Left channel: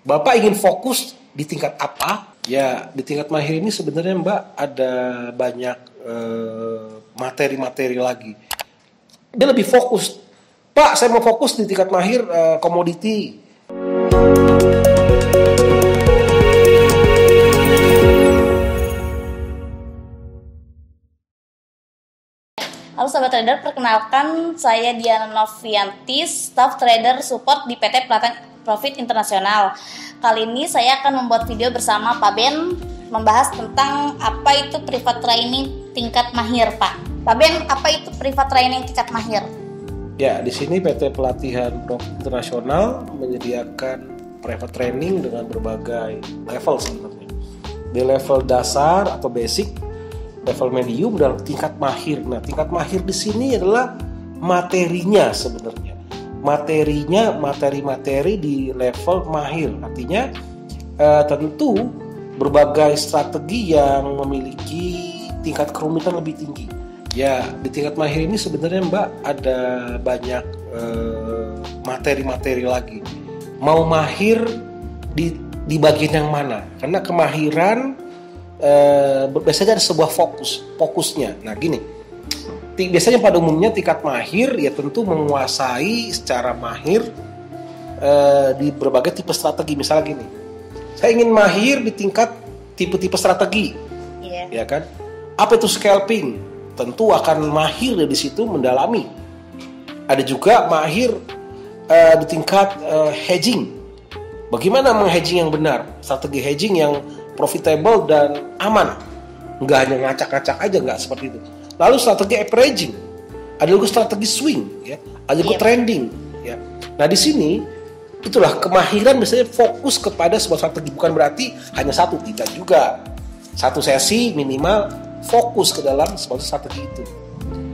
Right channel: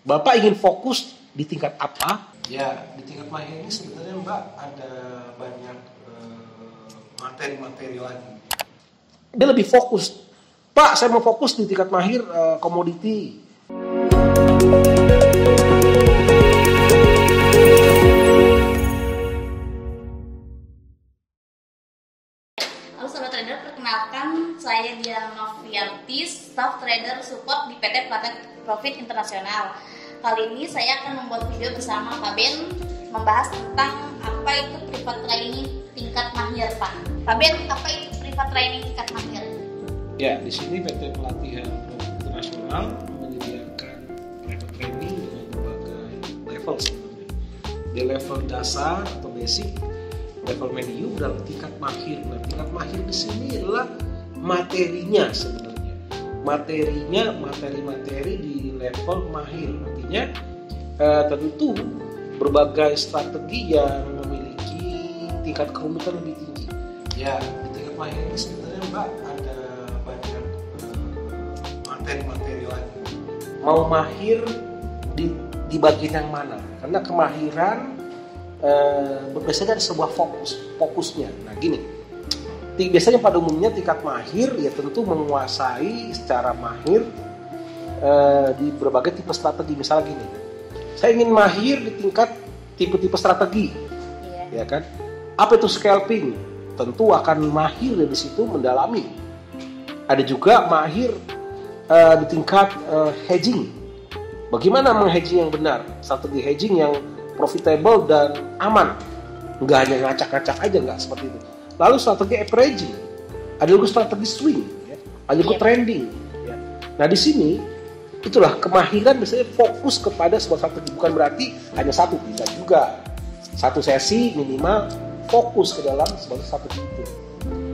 Bapak ingin fokus di tingkat apa? Ya, di tingkat mahir ini sebenarnya Mbak ada banyak materi-materi lagi. Dia lebih fokus. Pak, saya mau fokus di tingkat mahir komoditi. Halo Sobat Trader, perkenalkan saya Diana Novianti, Staff Trader Support di PT Pelatihan Profit Internasional. Kali ini saya akan membuat video bersama Pak Ben membahas tentang apa itu private training tingkat mahir, Pak. Pak Ben, apa itu private training tingkat mahir? Ya, di sini PT Pelatihan Profit Internasional menyediakan private training dengan berbagai level sebenarnya. Di level dasar atau basic, level medium, dan tingkat mahir. Nah, tingkat mahir di sini adalah materinya sebenarnya. Materinya materi-materi di level mahir. Artinya tentu berbagai strategi yang memiliki tingkat kerumitan lebih tinggi. Ya, di tingkat mahir ini sebenarnya Mbak ada banyak materi-materi lagi. Mau mahir di bagian yang mana? Karena kemahiran biasanya ada sebuah fokusnya. Nah gini, biasanya pada umumnya tingkat mahir ya tentu menguasai secara mahir di berbagai tipe strategi. Misalnya gini, saya ingin mahir di tingkat tipe-tipe strategi, ya kan? Apa itu scalping? Tentu akan mahir dari situ mendalami. Ada juga mahir di tingkat hedging. Bagaimana menghedging yang benar? Strategi hedging yang profitable dan aman, nggak hanya ngacak-ngacak aja, nggak seperti itu. Lalu strategi averaging, ada juga strategi swing, ya, ada juga trending, ya. Nah di sini itulah kemahiran biasanya fokus kepada sebuah strategi, bukan berarti hanya satu, tidak juga. Satu sesi minimal fokus ke dalam sebuah strategi itu.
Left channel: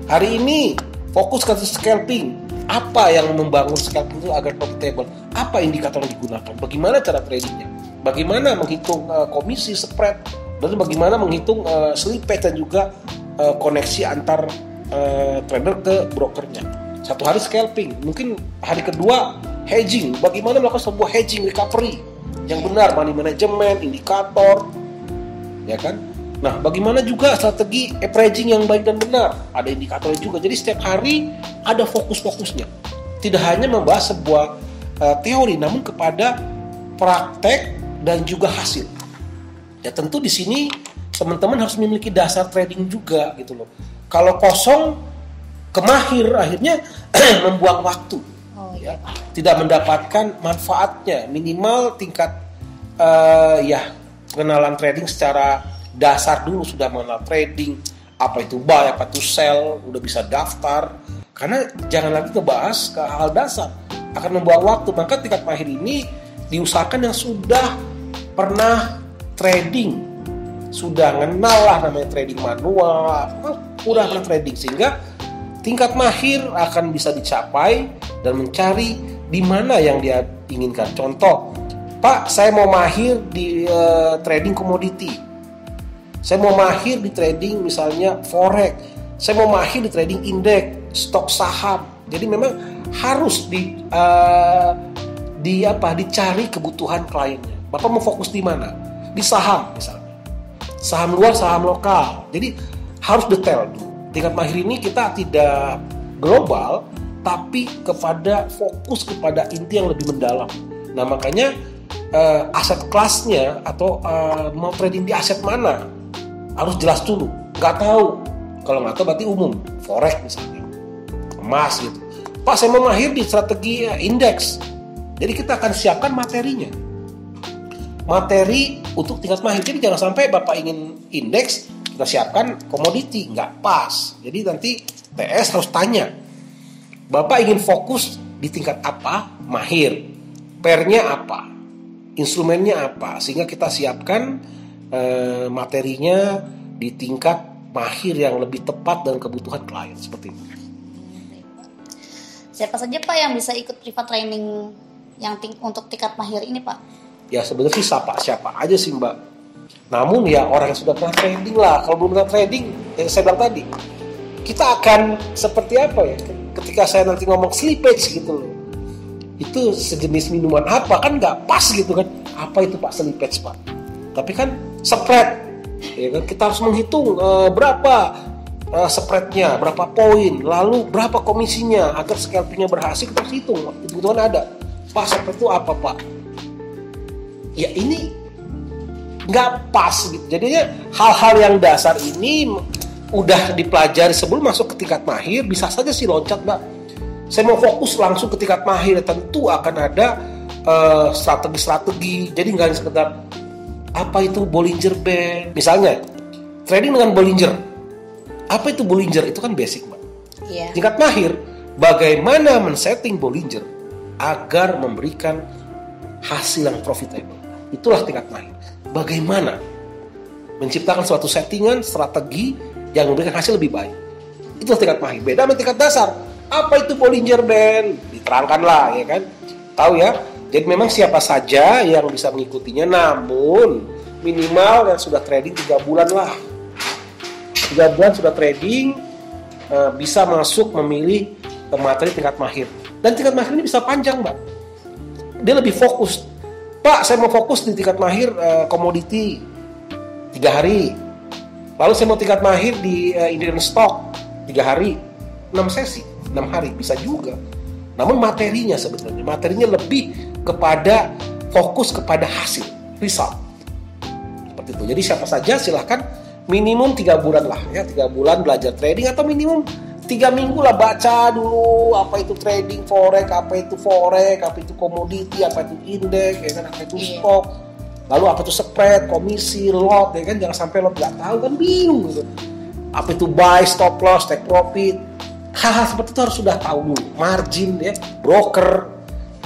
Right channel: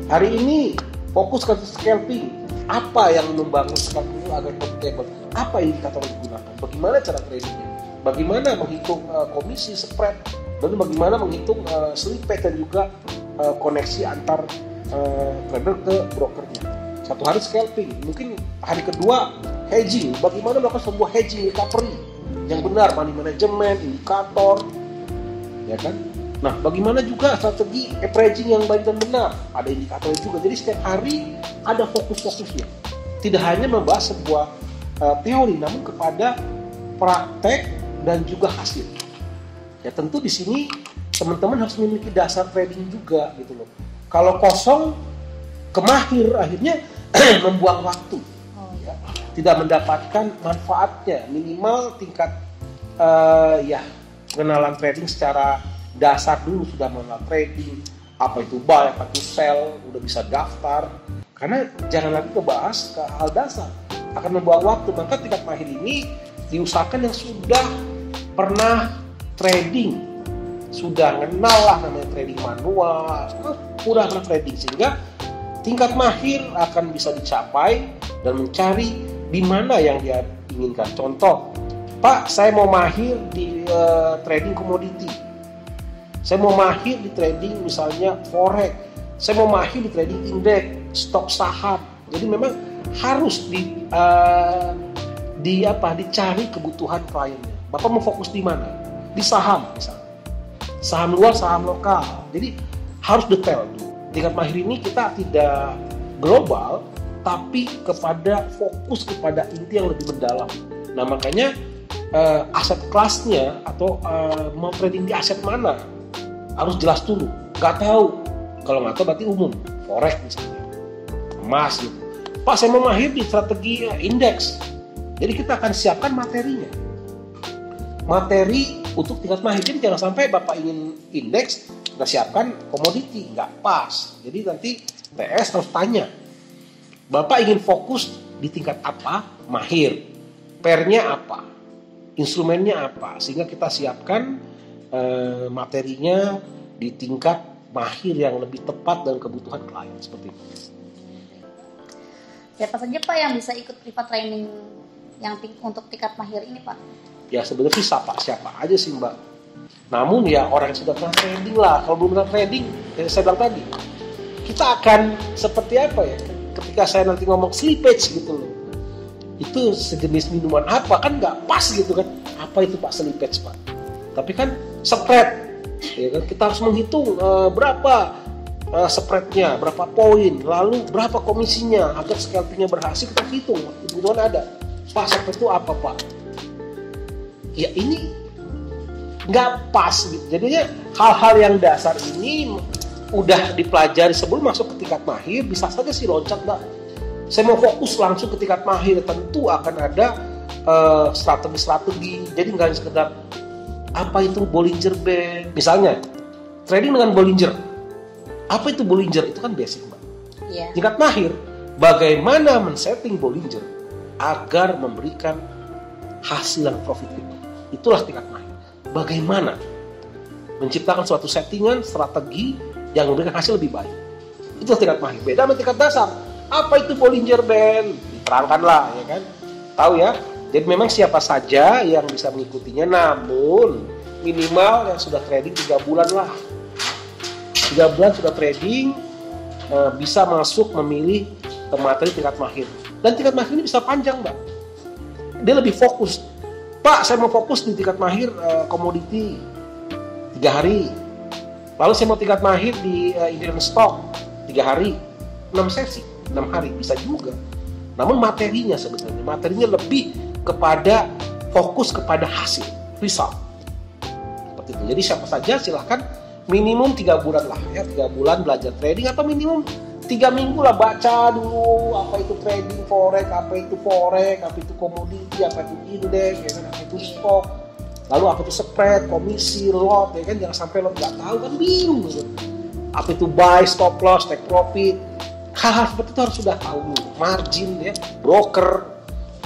Hari ini fokus ke scalping. Apa yang membangun scalping itu agar profitable? Apa indikator yang digunakan? Bagaimana cara tradingnya? Bagaimana menghitung komisi, spread, dan bagaimana menghitung slippage dan juga koneksi antar trader ke brokernya. Satu hari scalping, mungkin hari kedua hedging. Bagaimana melakukan sebuah hedging recovery yang benar, money management, indikator, ya kan? Nah, bagaimana juga strategi averaging yang baik dan benar? Ada indikatornya juga. Jadi setiap hari ada fokus-fokusnya. Tidak hanya membahas sebuah teori, namun kepada praktek dan juga hasil. Ya tentu di sini teman-teman harus memiliki dasar trading juga gitu loh. Kalau kosong kemahir akhirnya membuang waktu, ya. Tidak mendapatkan manfaatnya. Minimal tingkat pengenalan trading secara dasar dulu, sudah mengenal trading, apa itu buy, apa itu sell, udah bisa daftar. Karena jangan lagi ngebahas ke hal dasar, akan membuang waktu. Maka tingkat mahir ini diusahakan yang sudah pernah trading, sudah kenal lah namanya trading manual, udah pernah trading, sehingga tingkat mahir akan bisa dicapai dan mencari di mana yang dia inginkan. Contoh, Pak, saya mau mahir di trading komoditi, saya mau mahir di trading misalnya forex, saya mau mahir di trading indeks, stok saham. Jadi memang harus dicari kebutuhan kliennya. Bapak mau fokus di mana? Di saham misalnya. Saham luar, saham lokal. Jadi harus detail. Tingkat mahir ini kita tidak global, tapi fokus kepada inti yang lebih mendalam. Nah makanya aset kelasnya atau mau trading di aset mana harus jelas dulu. Nggak tahu. Kalau nggak tahu berarti umum. Forex misalnya, emas gitu. Pak, saya mau mahir di strategi indeks. Jadi kita akan siapkan materinya. Materi untuk tingkat mahir. Jadi jangan sampai Bapak ingin indeks, kita siapkan komoditi. Nggak pas. Jadi nanti TS harus tanya, Bapak ingin fokus di tingkat apa? Mahir. Pairnya apa? Instrumennya apa? Sehingga kita siapkan materinya di tingkat mahir yang lebih tepat dengan kebutuhan klien. Seperti itu. Siapa saja Pak yang bisa ikut private training yang untuk tingkat mahir ini Pak? Ya sebenarnya siapa aja sih Mbak. Namun ya orang yang sudah pernah trading lah. Kalau belum pernah trading, yang saya bilang tadi, kita akan seperti apa ya? Ketika saya nanti ngomong slippage gitu loh. itu sejenis minuman apa, kan nggak pas gitu kan. Apa itu Pak Selipage Pak? Tapi kan spread, ya kan, kita harus menghitung berapa spreadnya, berapa poin, lalu berapa komisinya agar scalpingnya berhasil. Kita harus hitung, kebutuhan ada. Pak spread itu apa Pak? Ya ini nggak pas gitu. Jadinya hal-hal yang dasar ini udah dipelajari sebelum masuk ke tingkat mahir, bisa saja sih loncat Mbak. Saya mau fokus langsung ke tingkat mahir, tentu akan ada strategi-strategi. Jadi nggak hanya sekedar apa itu Bollinger Band. Misalnya trading dengan Bollinger. Apa itu Bollinger? Itu kan basic Mbak. Iya. Tingkat mahir, bagaimana men-setting Bollinger agar memberikan hasil yang profitable. Itulah tingkat mahir. Bagaimana menciptakan suatu settingan, strategi yang memberikan hasil lebih baik. Itu tingkat mahir. Beda dengan tingkat dasar. Apa itu Bollinger Band? Diterangkanlah, ya kan? Tahu ya? Jadi memang siapa saja yang bisa mengikutinya, namun minimal yang sudah trading 3 bulan lah. 3 bulan sudah trading, bisa masuk memilih materi tingkat mahir. Dan tingkat mahir ini bisa panjang Mbak. Dia lebih fokus. Pak, saya mau fokus di tingkat mahir komoditi 3 hari. Lalu saya mau tingkat mahir di Indian stock 3 hari, 6 sesi, 6 hari bisa juga. Namun materinya lebih kepada fokus kepada hasil, result. Seperti itu. Jadi siapa saja silahkan minimum 3 bulan lah ya, 3 bulan belajar trading, atau minimum 3 minggu lah baca dulu apa itu trading forex, apa itu komoditi, apa itu indeks, ya kan, apa itu stok, lalu apa itu spread, komisi, lot, ya kan, jangan sampai lot nggak tahu kan bingung gitu. Apa itu buy, stop loss, take profit, hal-hal seperti itu harus sudah tahu dulu. Margin ya, broker,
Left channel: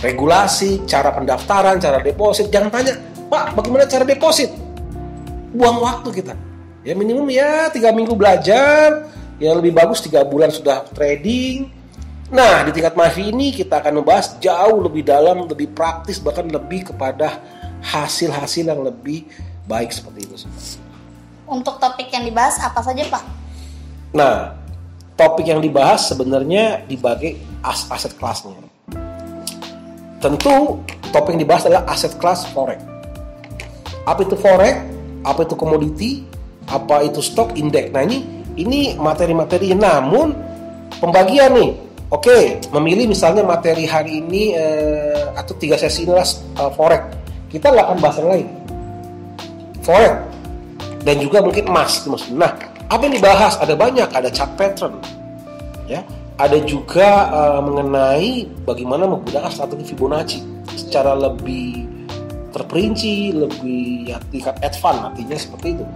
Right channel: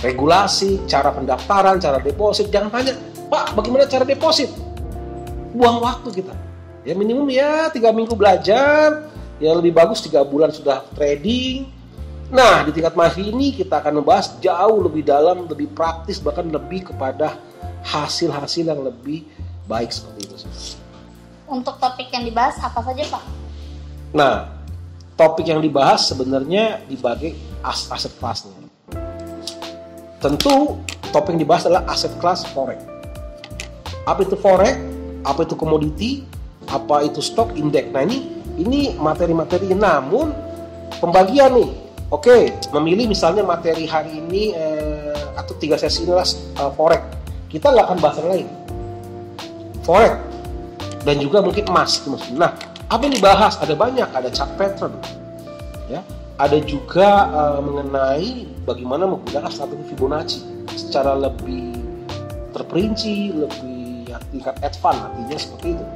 regulasi, cara pendaftaran, cara deposit. Jangan tanya, Pak, bagaimana cara deposit? Buang waktu kita. Ya minimum ya 3 minggu belajar. Yang lebih bagus 3 bulan sudah trading. Nah, di tingkat mahir ini kita akan membahas jauh lebih dalam, lebih praktis, bahkan lebih kepada hasil-hasil yang lebih baik seperti itu. Untuk topik yang dibahas apa saja Pak? Nah, topik yang dibahas sebenarnya dibagi aset kelasnya. Tentu topik yang dibahas adalah aset kelas forex. Apa itu forex? Apa itu komoditi? Apa itu stok, indeks? Nah ini materi-materi, namun pembagian nih. Oke, memilih misalnya materi hari ini atau 3 sesi inilah forex. Kita nggak akan bahas yang lain. Forex dan juga mungkin emas. Nah, apa yang dibahas? Ada banyak, ada chart pattern, ya. Ada juga mengenai bagaimana menggunakan strategi Fibonacci secara lebih terperinci, lebih ya, tingkat advance, artinya seperti itu.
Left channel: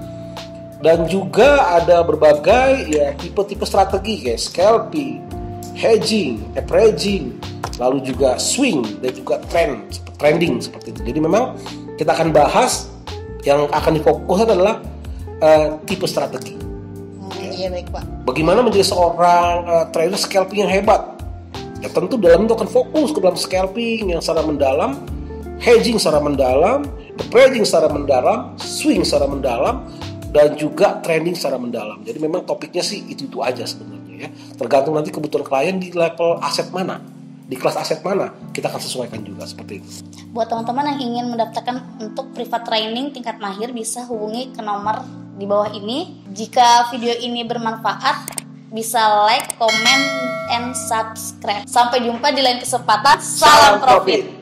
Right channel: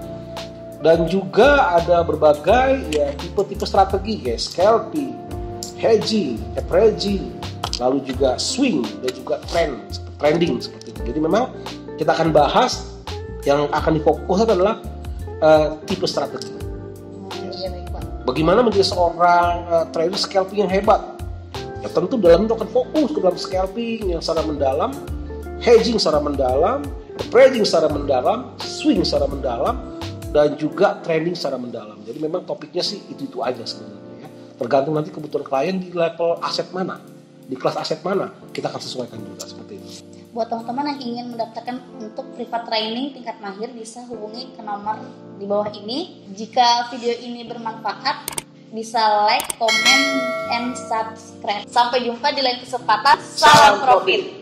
Dan juga ada berbagai ya tipe-tipe strategi kayak scalping, hedging, averaging, lalu juga swing dan juga trending seperti itu. Jadi memang kita akan bahas yang akan difokuskan adalah tipe strategi. Iya baik Pak. Bagaimana menjadi seorang trader scalping yang hebat? Ya tentu dalam itu akan fokus ke dalam scalping yang secara mendalam, hedging secara mendalam, averaging secara mendalam, swing secara mendalam, dan juga trending secara mendalam. Jadi memang topiknya sih itu aja sebenarnya ya. Tergantung nanti kebutuhan klien di level aset mana, di kelas aset mana, kita akan sesuaikan juga seperti itu. Buat teman-teman yang ingin mendaftarkan untuk private training tingkat mahir, bisa hubungi ke nomor di bawah ini. Jika video ini bermanfaat, bisa like, comment, and subscribe. Sampai jumpa di lain kesempatan. Salam profit.